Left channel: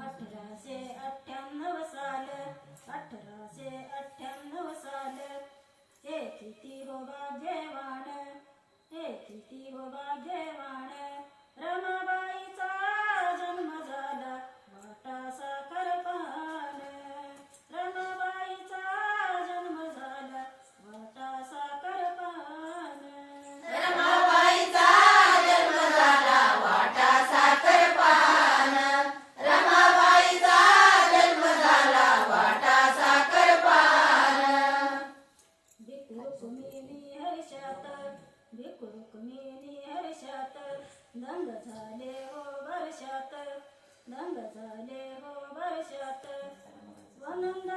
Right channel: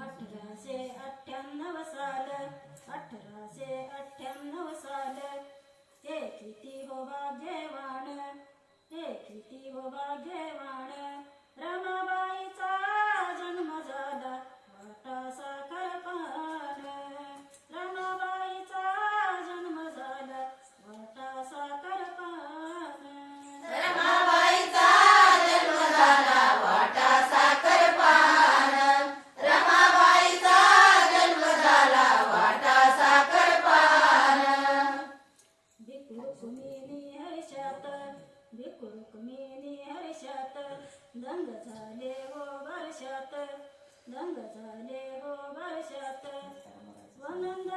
अठराशे अठ्ठ्याण्णव साल अठराशे अठ्ठ्याण्णव साल. हे किती हो भाग्यवान हे किती हो भाग्यवान रमाबाई भिकुरुकुमिनी हर्षात दंग झाले हो वर्षात दंग झाले हो वर्षात स्वनंद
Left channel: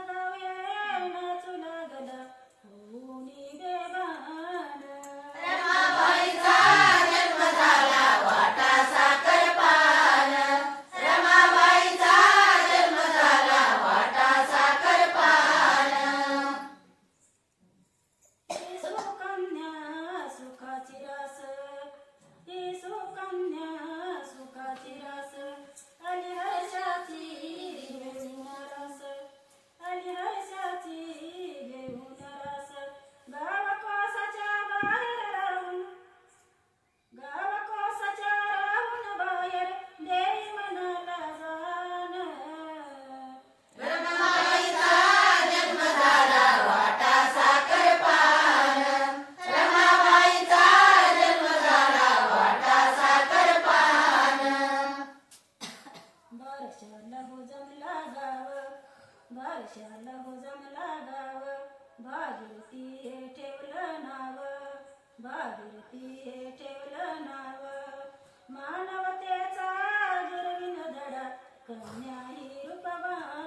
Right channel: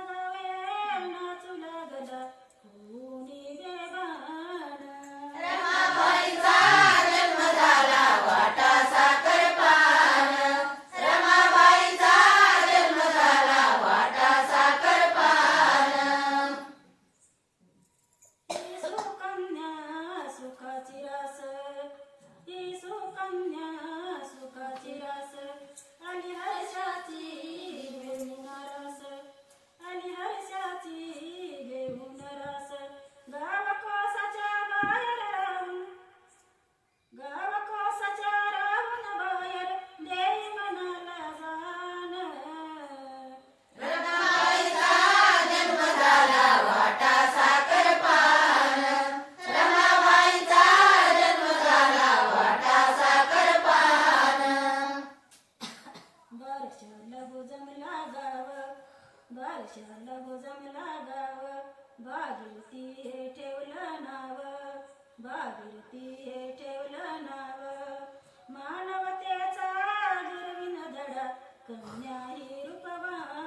बारशाला हो जमला गाव. बागिरती हे ठेवलं नाव. बागिरती हे ठेवलं नाव. मानवतेचा गिरविन धडा. कन्या ही रूपवान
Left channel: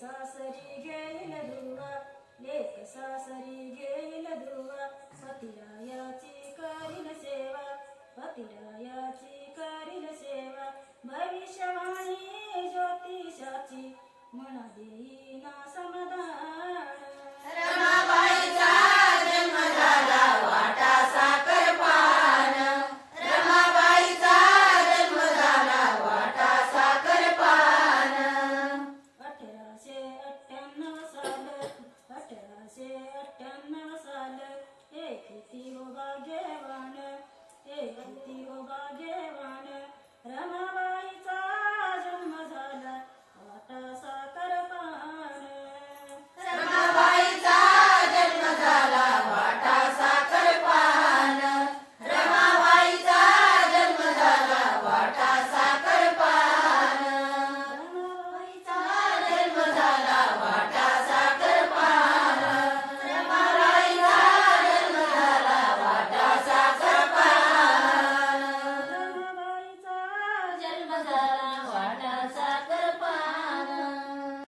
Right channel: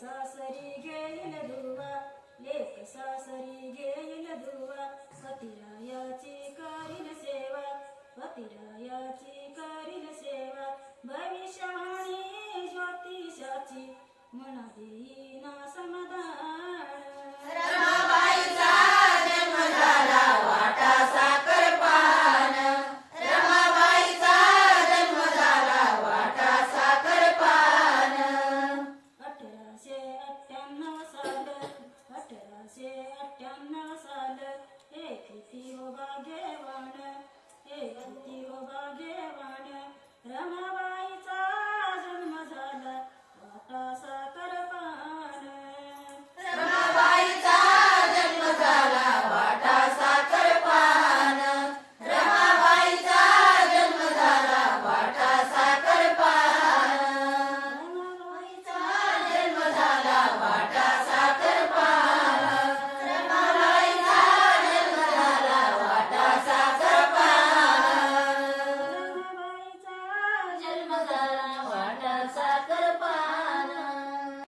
सासरी घेईल धुवा लेक सासरी घेईल धुवा पतिरायाची करील सेवा पतिरायाची करील सेवा भविष्यवाणी ज्योतिषाची म्हणा देईना समाधान भक्तियोगा जेवण हे भक्तियोगा जेवण. रमवा